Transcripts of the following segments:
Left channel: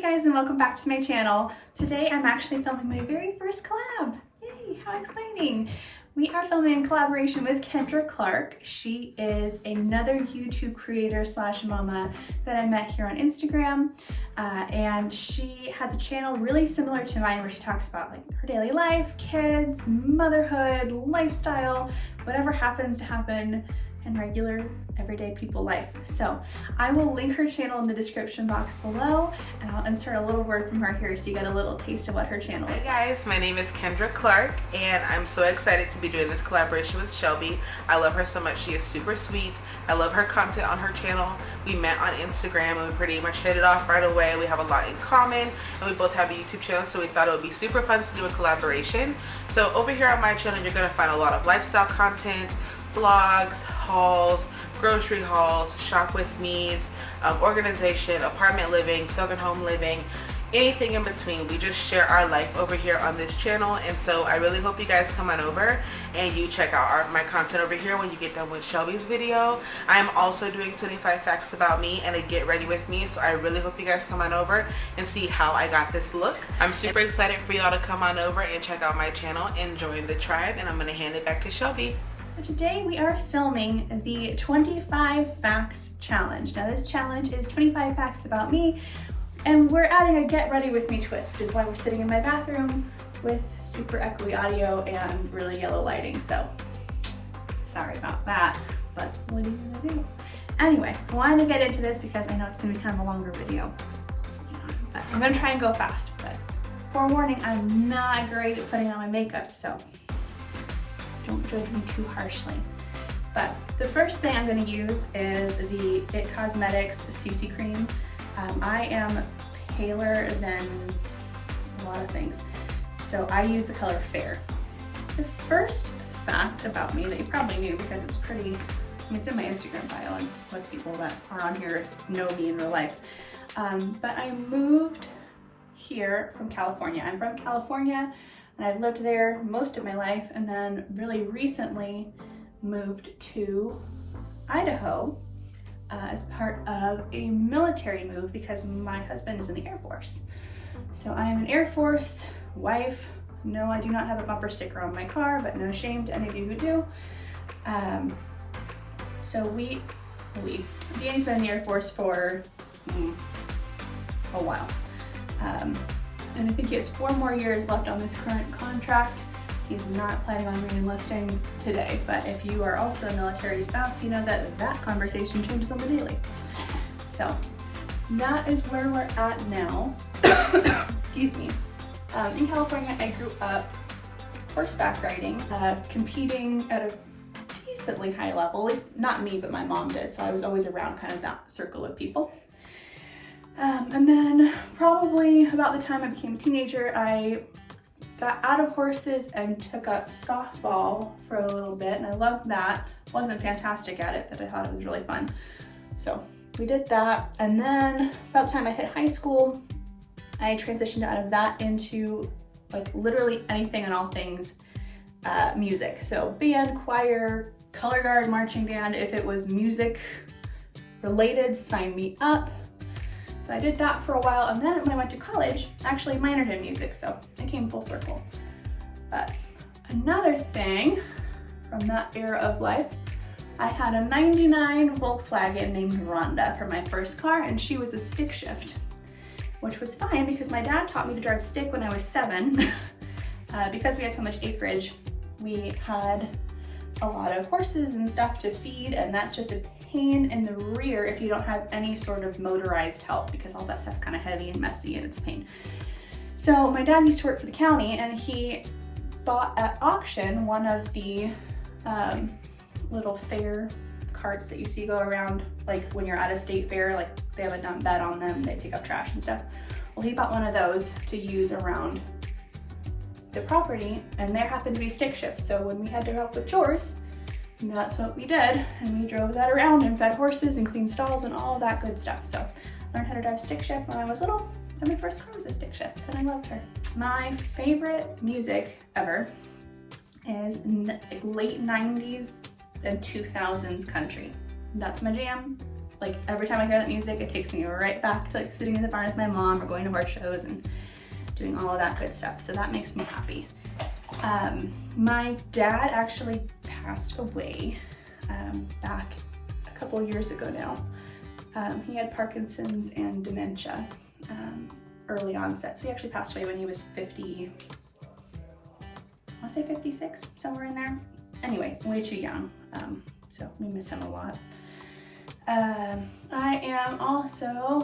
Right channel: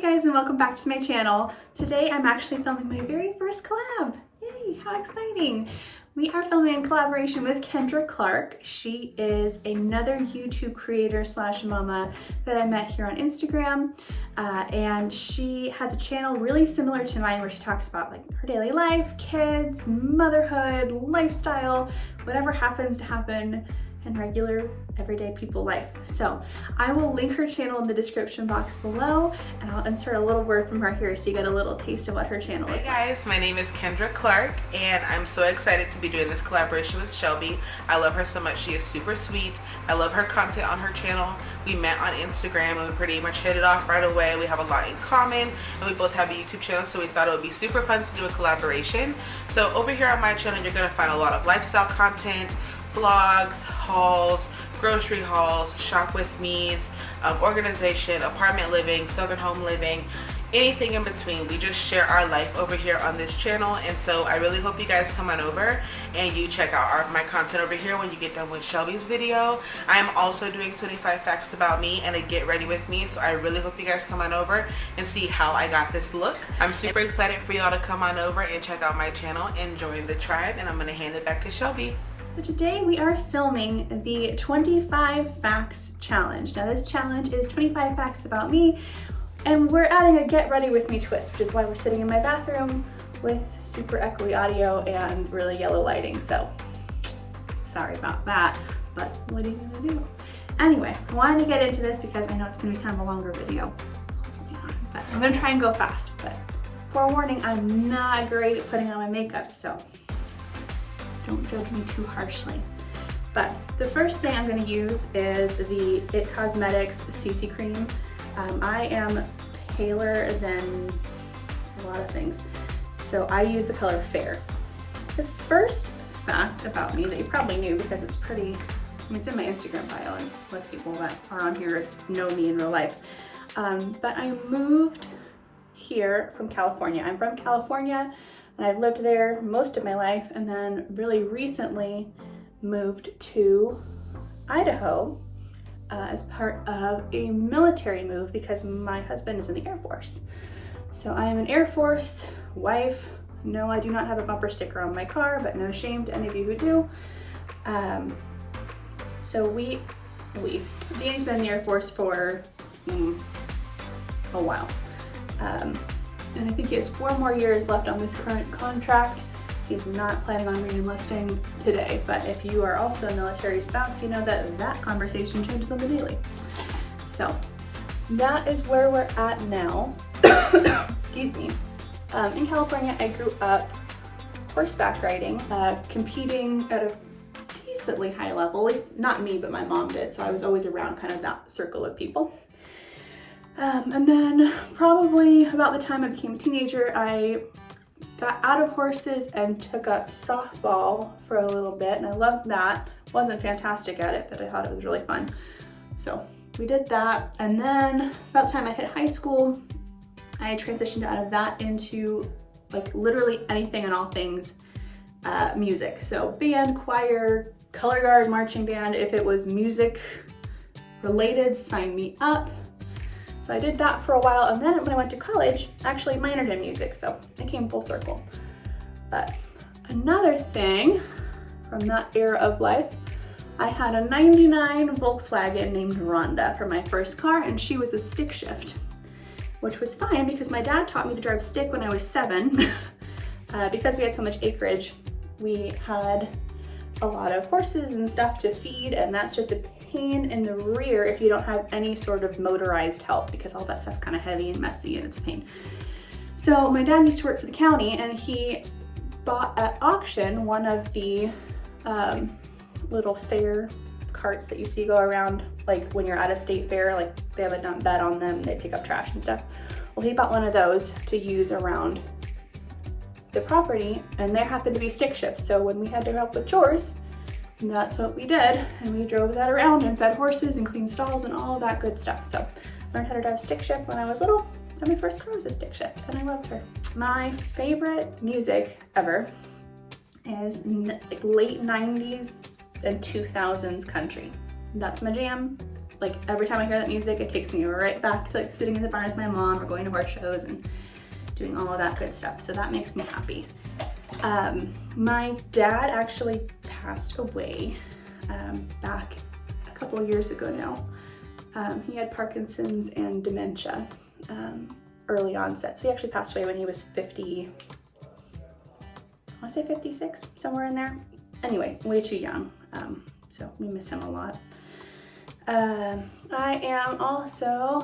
Hey guys, and welcome back to my channel. Today I'm actually filming my very first collab. Yay, how exciting. We are filming in collaboration with Kendra Clark. She is another YouTube creator slash mama that I met here on Instagram. And she has a channel really similar to mine where she talks about like her daily life, kids, motherhood, lifestyle, whatever happens to happen in regular everyday people life. So I will link her channel in the description box below, and I'll insert a little word from her here so you get a little taste of what her channel is. Hey guys, my name is Kendra Clark and I'm so excited to be doing this collaboration with Shelby. I love her so much. She is super sweet. I love her content on her channel. We met on Instagram and we pretty much hit it off right away. We have a lot in common and we both have a YouTube channel, so we thought it would be super fun to do a collaboration. So over here on my channel you're going to find a lot of lifestyle content, vlogs, hauls, grocery hauls, shop with me's, organization, apartment living, southern home living, anything in between. We just share our life over here on this channel, and so I really hope you guys come on over and you check out my content over here when you get done with Shelby's video. I am also doing 25 facts about me and a get ready with me, so I really hope you guys come on over and see how I got this look. I'm super excited for y'all to come on over and check out my channel and join the tribe, and I'm going to hand it back to Shelby. So today we are filming the 25 Facts Challenge. Now this challenge is 25 facts about me, and we're adding a get ready with me twist, which is why we're sitting in my bathroom with super echoey audio and really yellow lighting. So sorry about that, but what are you gonna do? Anyway, I wanted to get into this because I know it's gonna be kind of a longer video. Hopefully not, but I'm gonna try and go fast, but forewarning, I'm not great at putting on my makeup, so don't judge me too harshly. But the first thing I'm going to use is the IT Cosmetics CC Cream. I am paler than a lot of things, so I use the color Fair. The first fact about me that you probably knew because it's pretty, I mean, it's in my Instagram bio and most people that are on here know me in real life. But I moved here from California. I'm from California, and I've lived there most of my life, and then really recently moved to Idaho as part of a military move because my husband is in the Air Force. So I am an Air Force wife. No, I do not have a bumper sticker on my car, but no shame to any of you who do. So Danny's been in the Air Force for a while. And I think he has 4 more years left on this current contract. He's not planning on re-enlisting today, but if you are also a military spouse, you know that that conversation changes on the daily. So that is where we're at now. Excuse me. In California, I grew up horseback riding, competing at a decently high level. At least not me, but my mom did, so I was always around kind of that circle of people. And then probably about the time I became a teenager, I got out of horses and took up softball for a little bit, and I loved that. Wasn't fantastic at it, but I thought it was really fun. So we did that, and then about the time I hit high school, I transitioned out of that into like literally anything and all things music. So band, choir, color guard, marching band. If it was music related, sign me up. So I did that for a while, and then when I went to college, I actually minored in music, so I came full circle. But another thing from that era of life, I had a 99 Volkswagen named Rhonda for my first car, and she was a stick shift, which was fine because my dad taught me to drive stick when I was 7. Because we had so much acreage, we had a lot of horses and stuff to feed, and that's just a pain in the rear if you don't have any sort of motorized help, because all that stuff's kind of heavy and messy and it's a pain. So my dad used to work for the county, and he bought at auction one of the little fair carts that you see go around, like when you're at a state fair, like they have a dump bed on them, they pick up trash and stuff. Well, he bought one of those to use around the property, and there happened to be stick shifts. So when we had to help with chores, that's what we did, and we drove that around and fed horses and cleaned stalls and all of that good stuff. So I learned how to drive stick shift when I was little, and my first car was a stick shift, and I loved her. My favorite music ever is late 90s and 2000s country. That's my jam. Like every time I hear that music, it takes me right back to like sitting in the barn with my mom or going to horse shows and doing all of that good stuff. So that makes me happy. My dad actually passed away back a couple of years ago now. He had Parkinson's and dementia, early onset. So he actually passed away when he was 50, I want to say 56, somewhere in there. Anyway, way too young. So we miss him a lot. I am also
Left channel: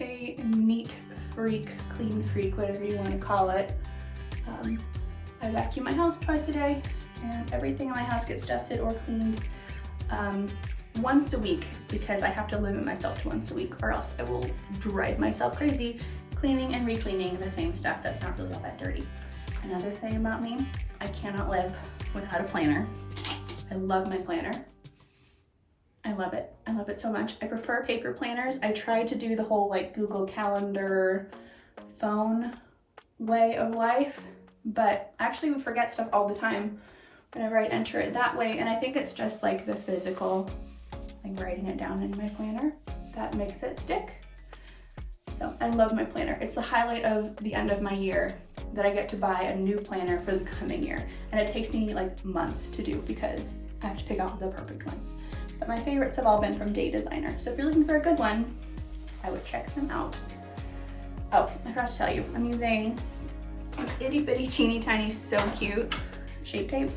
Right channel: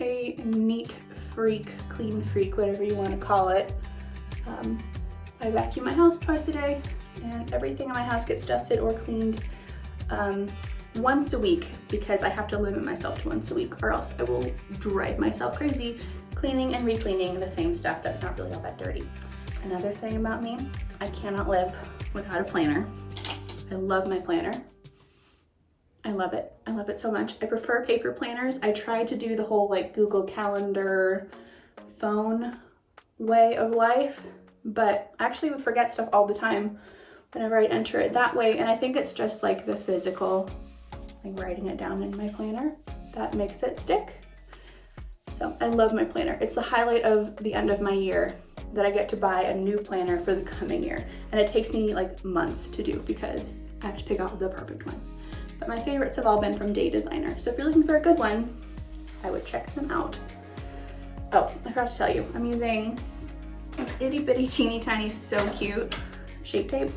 a neat freak, clean freak, whatever you want to call it. I vacuum my house twice a day, and everything in my house gets dusted or cleaned once a week, because I have to limit myself to once a week, or else I will drive myself crazy cleaning and re-cleaning the same stuff that's not really all that dirty. Another thing about me, I cannot live without a planner. I love my planner. I love it. I love it so much. I prefer paper planners. I tried to do the whole like Google Calendar phone way of life, but I actually would forget stuff all the time whenever I enter it that way. And I think it's just like the physical, like writing it down in my planner, that makes it stick. So I love my planner. It's the highlight of the end of my year that I get to buy a new planner for the coming year. And it takes me like months to do because I have to pick out the perfect one. But my favorites have all been from Day Designer. So if you're looking for a good one, I would check them out. Oh, I forgot to tell you, I'm using this itty bitty teeny tiny so cute Shape Tape.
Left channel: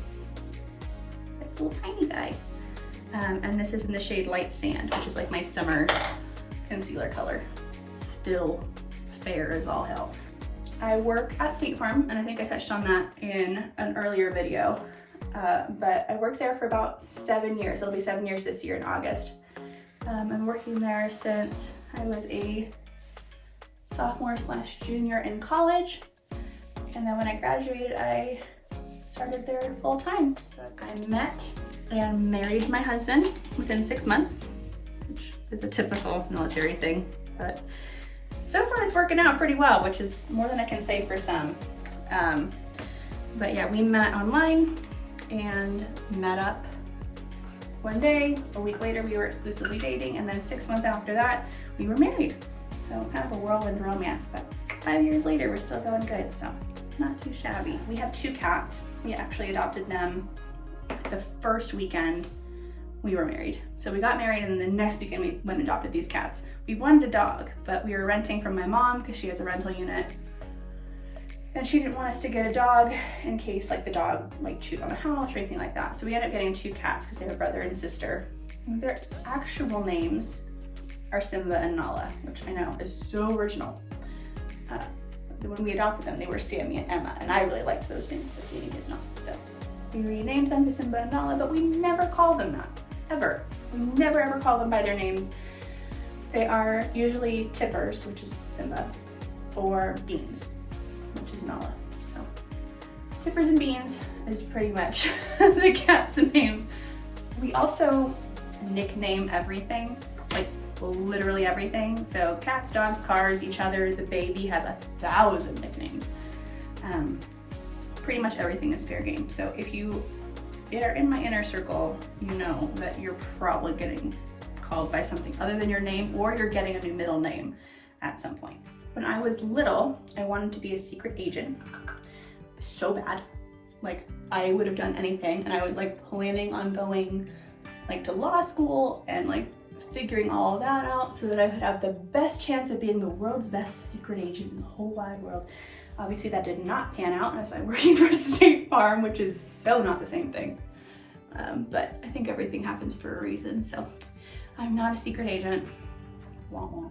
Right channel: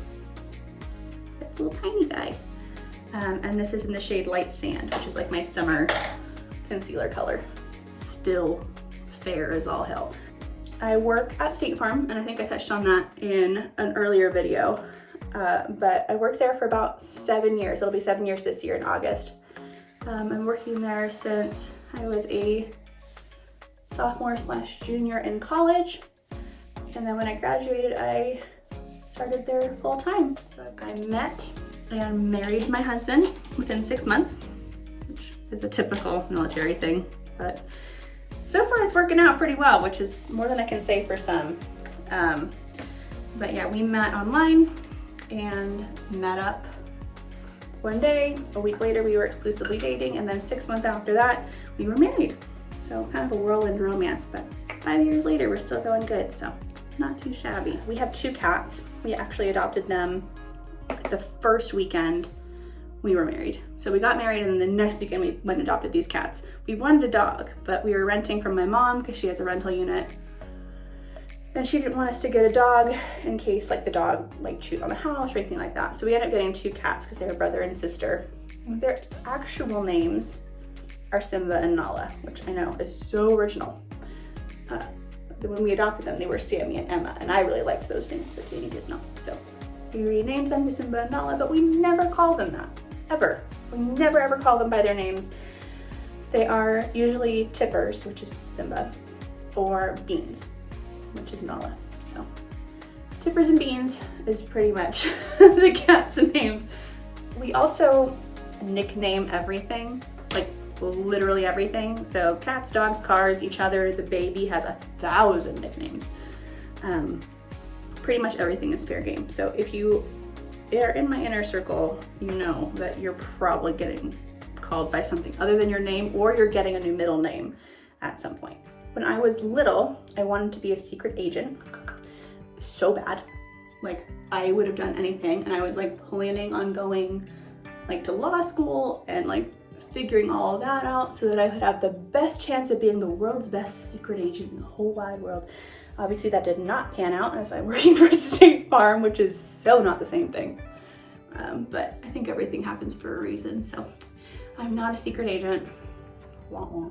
It's a little tiny guy. And this is in the shade Light Sand, which is like my summer concealer color. Still fair as all hell. I work at State Farm, and I think I touched on that in an earlier video, but I worked there for about 7 years. It'll be 7 years this year in August. I'm working there since I was a sophomore/junior in college, and then when I graduated, I started there full time. So I met and married my husband within 6 months, which is a typical military thing, but so far it's working out pretty well, which is more than I can say for some. But yeah, we met online and met up one day. A week later, we were exclusively dating, and then 6 months after that, we were married. So kind of a whirlwind romance, but 5 years later, we're still going good, so not too shabby. We have 2 cats. We actually adopted them the first weekend we were married. So we got married, and then the next weekend we went and adopted these cats. We wanted a dog, but we were renting from my mom because she has a rental unit, and she didn't want us to get a dog in case like the dog like chewed on the house or anything like that. So we ended up getting 2 cats because they have a brother and sister. And their actual names are Simba and Nala, which I know is so original. When we adopted them, they were Sammy and Emma, and I really liked those names, but Jamie did not. So we renamed them to Simba and Nala, but we never called them that, ever. We never ever call them by their names. They are usually Tippers, which is Simba, or Beans, which is Nala. So Tippers and Beans is pretty much the cats' names. We also nickname everything, like literally everything. So cats, dogs, cars, each other. The baby has 1,000 nicknames. Pretty much everything is fair game. So if you are in my inner circle, you know that you're probably getting called by something other than your name, or you're getting a new middle name at some point. When I was little, I wanted to be a secret agent so bad. Like I would have done anything, and I was like planning on going like to law school and like figuring all of that out so that I would have the best chance of being the world's best secret agent in the whole wide world. Obviously that did not pan out as I'm working for State Farm, which is so not the same thing. But I think everything happens for a reason, so I'm not a secret agent. Wah wah.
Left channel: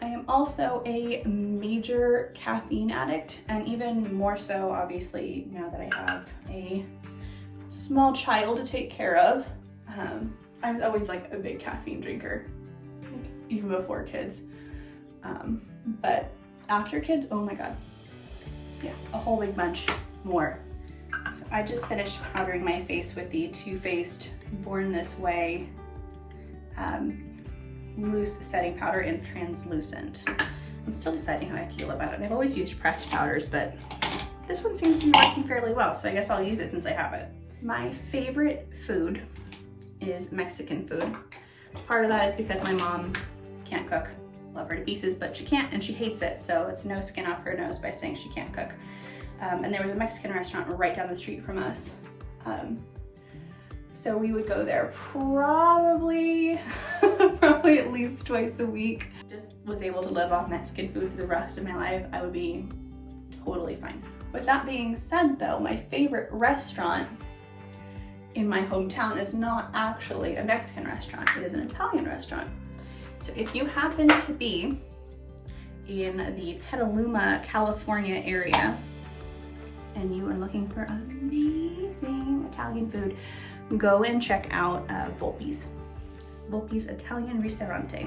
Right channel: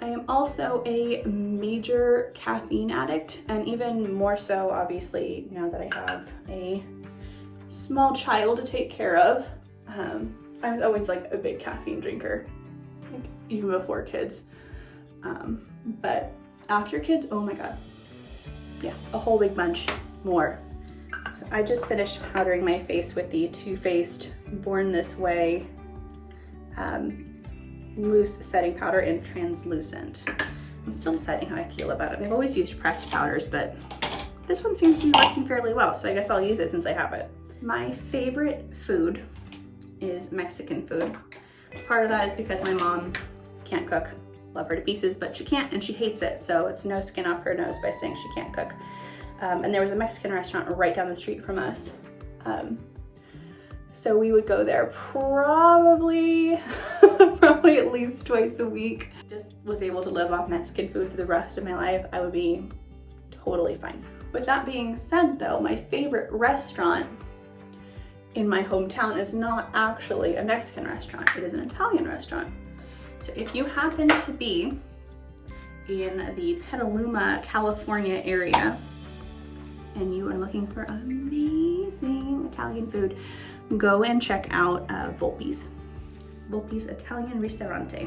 I am also a major caffeine addict, and even more so, obviously, now that I have a small child to take care of. I was always like a big caffeine drinker, like, even before kids. But after kids, oh my God. Yeah, a whole big bunch more. So I just finished powdering my face with the Too Faced Born This Way loose setting powder in translucent. I'm still deciding how I feel about it. I've always used pressed powders, but this one seems to be working fairly well, so I guess I'll use it since I have it. My favorite food is Mexican food. Part of that is because my mom can't cook. Love her to pieces, but she can't, and she hates it, so it's no skin off her nose by saying she can't cook. And there was a Mexican restaurant right down the street from us. So we would go there probably at least twice a week. Just was able to live off Mexican food for the rest of my life. I would be totally fine. With that being said though, my favorite restaurant in my hometown is not actually a Mexican restaurant, it is an Italian restaurant. So if you happen to be in the Petaluma, California area, and you are looking for amazing Italian food, go and check out Volpi's Italian Ristorante.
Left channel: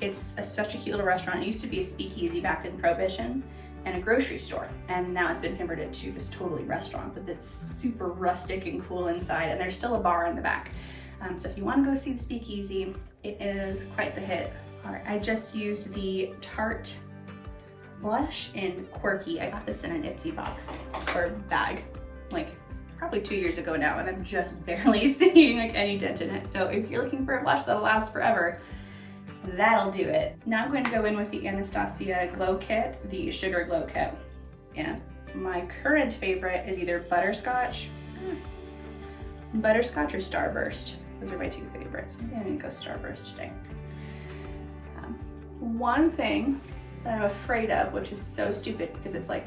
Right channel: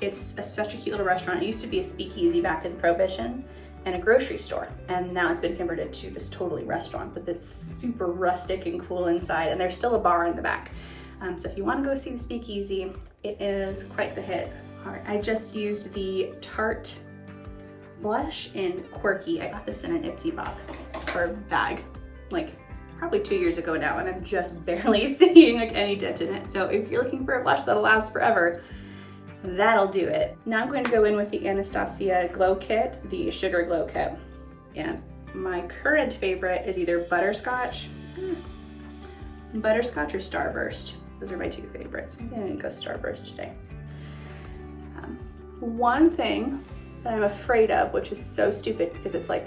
It's such a cute little restaurant. It used to be a speakeasy back in Prohibition and a grocery store, and now it's been converted to just totally restaurant, but it's super rustic and cool inside, and there's still a bar in the back. So if you want to go see the speakeasy, it is quite the hit. All right, I just used the Tarte blush in Quirky. I got this in an Ipsy box for a bag, like probably 2 years ago now, and I'm just barely seeing like any dent in it. So if you're looking for a blush that'll last forever, that'll do it. Now I'm going to go in with the Anastasia Glow Kit, the Sugar Glow Kit. And my current favorite is either Butterscotch or Starburst. Those are my two favorites. I'm gonna go Starburst today. One thing that I'm afraid of, which is so stupid because it's like,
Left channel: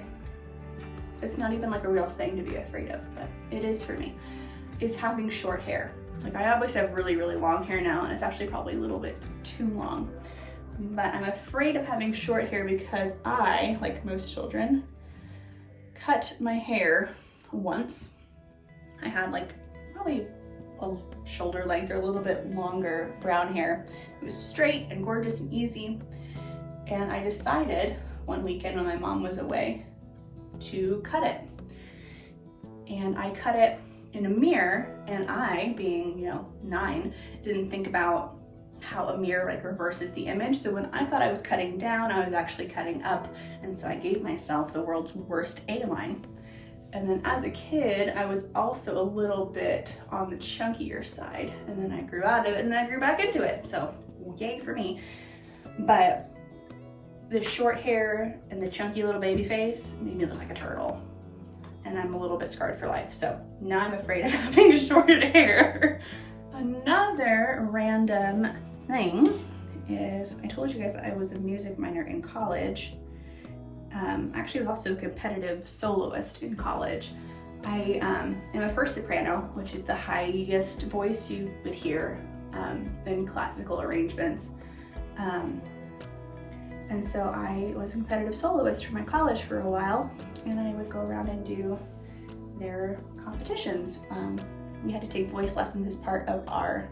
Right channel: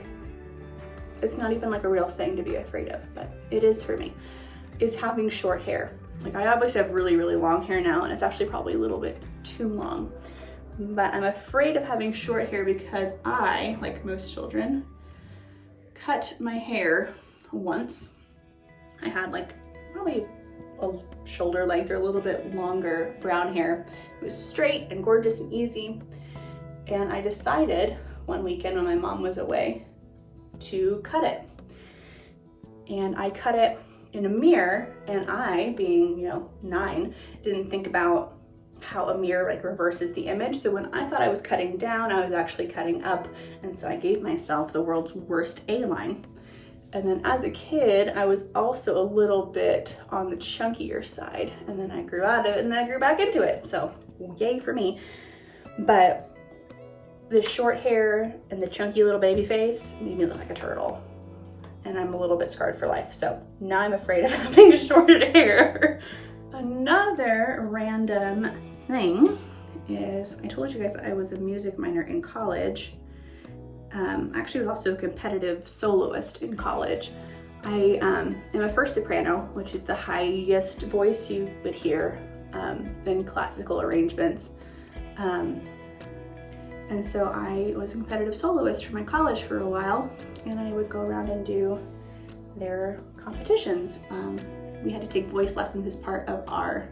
it's not even like a real thing to be afraid of, but it is for me, is having short hair. Like I obviously have really, really long hair now, and it's actually probably a little bit too long, but I'm afraid of having short hair because I, like most children, cut my hair once. I had like probably a shoulder length or a little bit longer brown hair. It was straight and gorgeous and easy. And I decided one weekend when my mom was away to cut it. And I cut it in a mirror, and I, being, 9, didn't think about how a mirror like reverses the image. So when I thought I was cutting down, I was actually cutting up. And so I gave myself the world's worst A-line. And then as a kid, I was also a little bit on the chunkier side, and then I grew out of it and then I grew back into it. So yay for me. But the short hair and the chunky little baby face made me look like a turtle. And I'm a little bit scarred for life. So now I'm afraid of having short hair. Another random thing is, I told you guys I was a music minor in college. Actually, I was also a competitive soloist in college. I am a first soprano, which is the highest voice you would hear in classical arrangements. And so I was a competitive soloist for my college for a while, and I would go around and do their competitions. We had to take voice lessons as part of our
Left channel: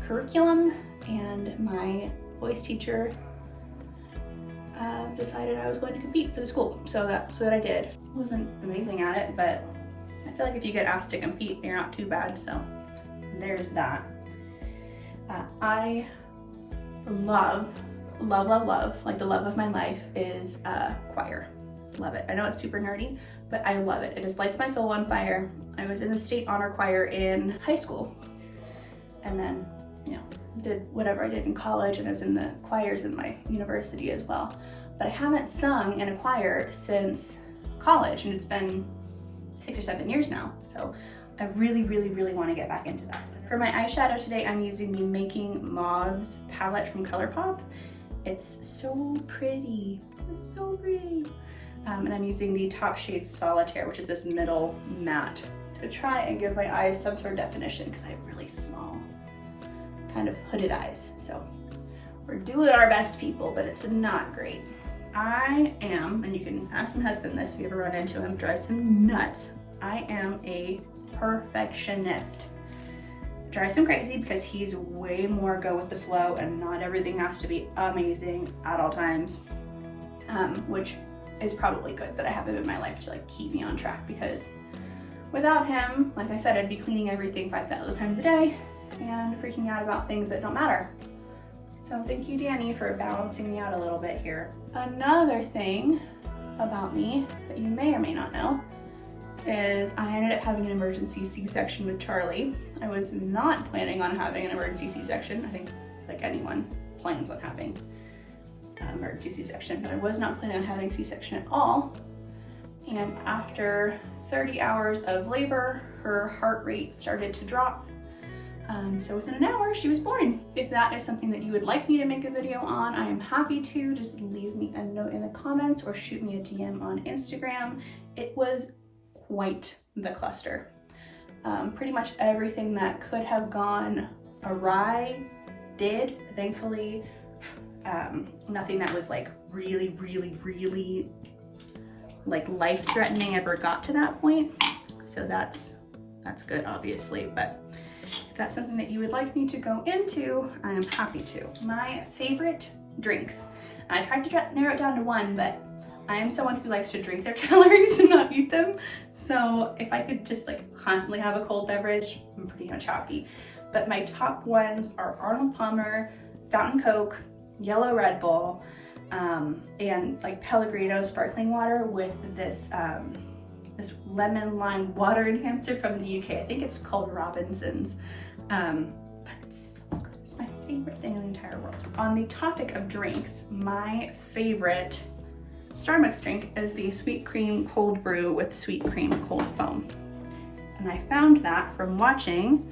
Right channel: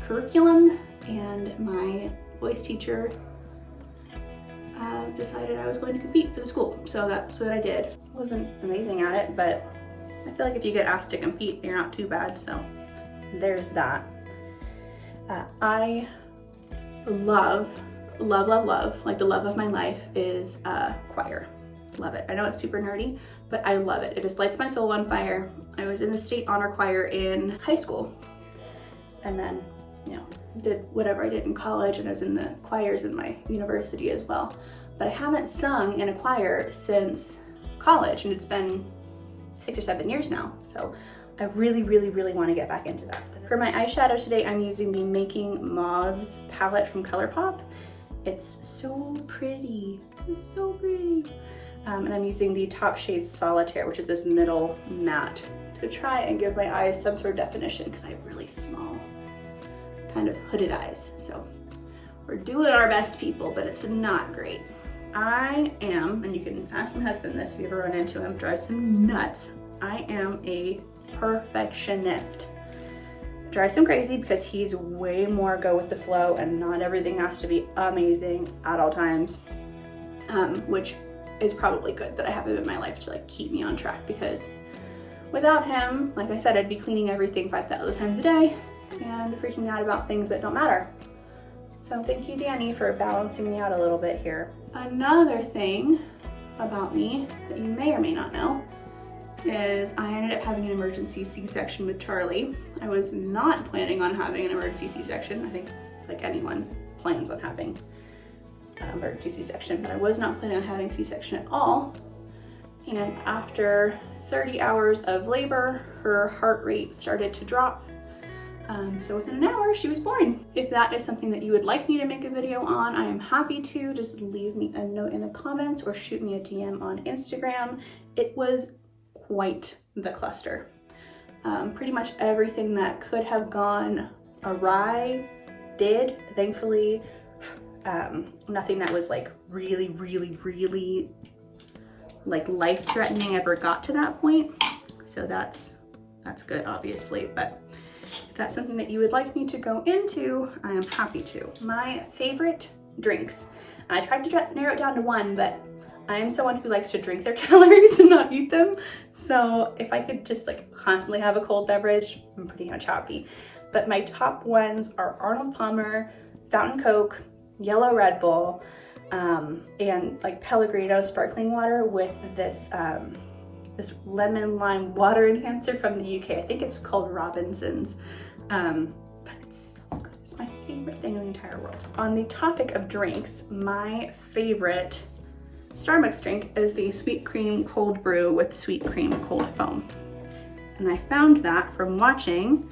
curriculum, and my voice teacher decided I was going to compete for the school. So that's what I did. Wasn't amazing at it, but I feel like if you get asked to compete, you're not too bad. So there's that. I love, like the love of my life is choir. Love it. I know it's super nerdy, but I love it. It just lights my soul on fire. I was in the state honor choir in high school, and then, did whatever I did in college, and I was in the choirs in my university as well. But I haven't sung in a choir since college, and it's been 6 or 7 years now. So I really, really, really want to get back into that. For my eyeshadow today, I'm using the Making Mauves palette from ColourPop. It's so pretty. It's so pretty. And I'm using the Top Shade Solitaire, which is this middle matte, to try and give my eyes some sort of definition because I have really small, kind of hooded eyes. So we're doing our best, people, but it's not great. I am, and you can ask my husband this if you ever run into him, drives him nuts. I am a perfectionist. Drives him crazy because he's way more go with the flow, and not everything has to be amazing at all times, which is probably good that I have him in my life to like keep me on track, because without him, like I said, I'd be cleaning everything 5,000 times a day and freaking out about things that don't matter. So thank you, Danny, for balancing me out a little bit here. Another thing about me that you may or may not know is I ended up having an emergency C-section with Charlie. I was not planning on having an emergency C-section. I think like anyone plans on having emergency C-section, but I was not planning on having C-section at all. And after 30 hours of labor, her heart rate started to drop. So within an hour, she was born. If that is something that you would like me to make a video on, I am happy to. Just leave me a note in the comments or shoot me a DM on Instagram. It was quite the cluster. Pretty much everything that could have gone awry did, thankfully. Nothing that was like really like life-threatening ever got to that point. So that's good, obviously, but if that's something that you would like me to go into, I am happy to. My favorite drinks, I tried to narrow it down to one, but I am someone who likes to drink their calories and not eat them. So if I could just like constantly have a cold beverage, I'm pretty much happy. But my top ones are Arnold Palmer, Fountain Coke, Yellow Red Bull, and like Pellegrino sparkling water with this this lemon lime water enhancer from the UK. I think it's called Robinson's, but it's so good. It's my favorite thing in the entire world. On the topic of drinks, my favorite Starbucks drink is the sweet cream cold brew with sweet cream cold foam. And I found that from watching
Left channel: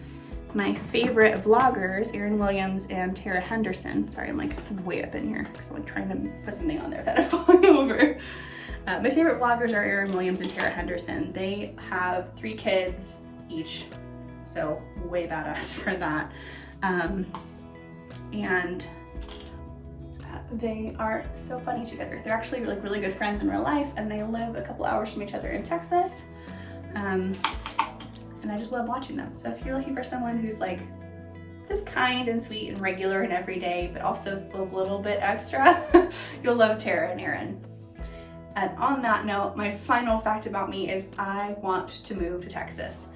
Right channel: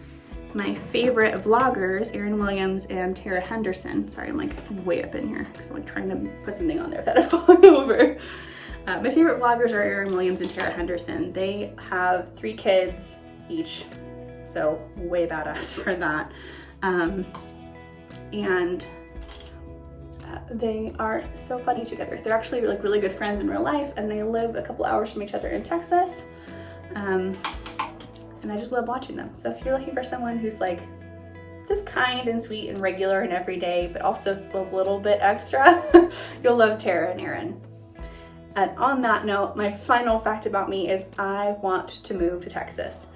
my favorite vloggers, Erin Williams and Tara Henderson. Sorry, I'm like way up in here because I'm like trying to put something on there without it falling over. My favorite vloggers are Erin Williams and Tara Henderson. They have 3 kids each, so way badass for that. And they are so funny together. They're actually like really good friends in real life, and they live a couple hours from each other in Texas. And I just love watching them. So if you're looking for someone who's like just kind and sweet and regular and everyday, but also a little bit extra, you'll love Tara and Erin. And on that note, my final fact about me is I want to move to Texas.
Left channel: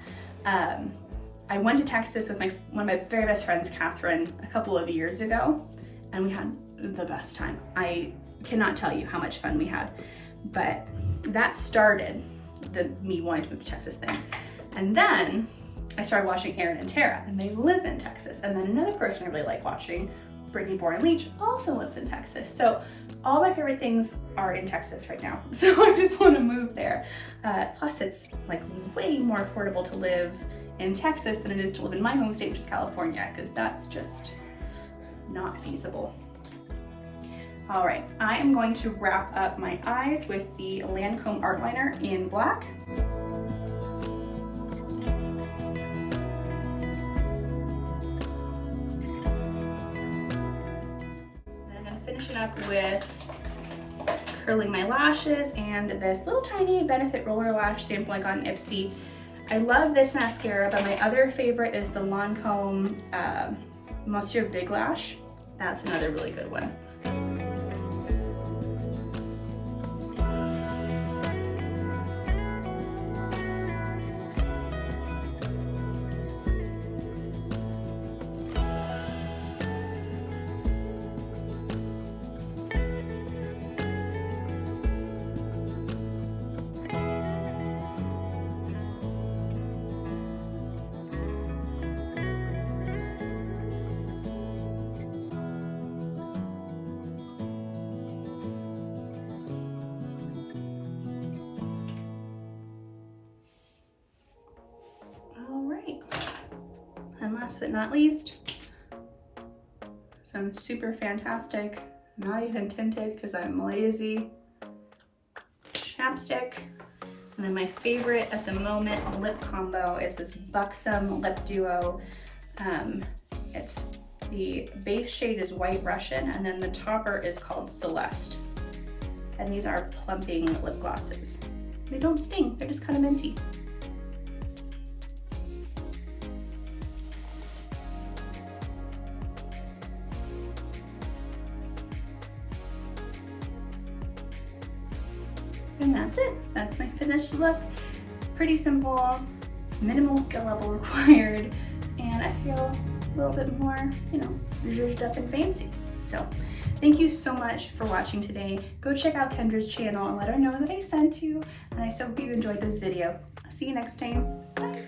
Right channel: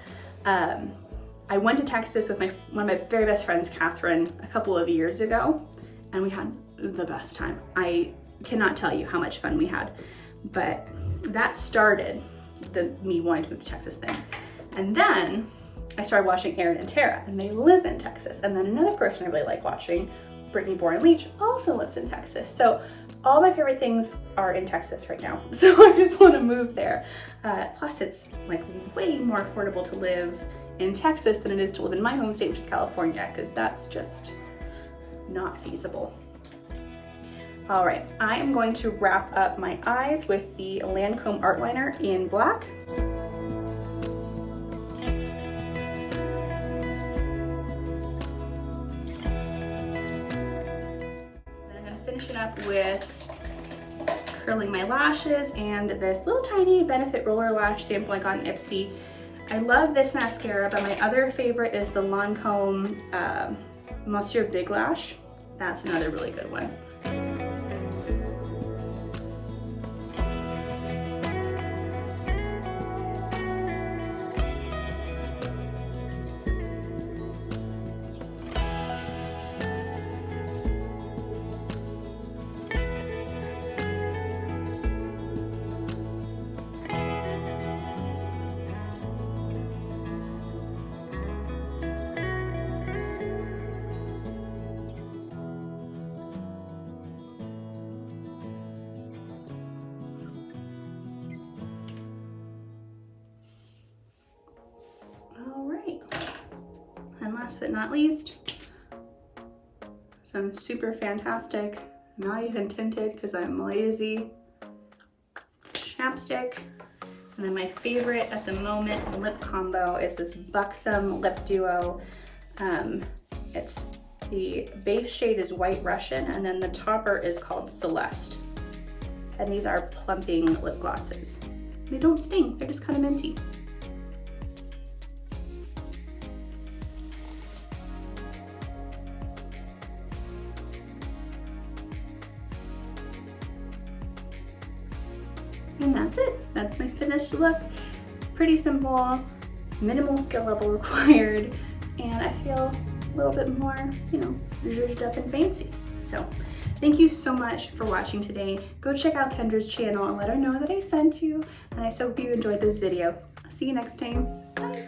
I went to Texas with one of my very best friends, Catherine, a couple of years ago, and we had the best time. I cannot tell you how much fun we had, but that started me wanting to move to Texas thing. And then I started watching Erin and Tara, and they live in Texas. And then another person I really like watching, Brittany Boren-Leach, also lives in Texas. So all my favorite things are in Texas right now. So I just want to move there. Plus it's like way more affordable to live in Texas than it is to live in my home state, which is California, because that's just not feasible. All right, I am going to wrap up my eyes with the Lancome Artliner in black. Up with curling my lashes and this little tiny Benefit Roller Lash sample I got in Ipsy. I love this mascara, but my other favorite is the Lancome Monsieur Big Lash. That's another really good one. Last but not least, some super fantastic, not even tinted because I'm lazy, chapstick. And then my favorite at the moment lip combo is this Buxom Lip Duo. It's the base shade is White Russian, and then the topper is called Celeste. And these are Plumping lip glosses. They don't sting, they're just kind of minty. And that's it. That's my finished look. Pretty simple, minimal skill level required, and I feel a little bit more, you know, zhuzhed up and fancy. So thank you so much for watching today. Go check out Kendra's channel and let her know that I sent you, and I so hope you enjoyed this video. I'll see you next time. Bye.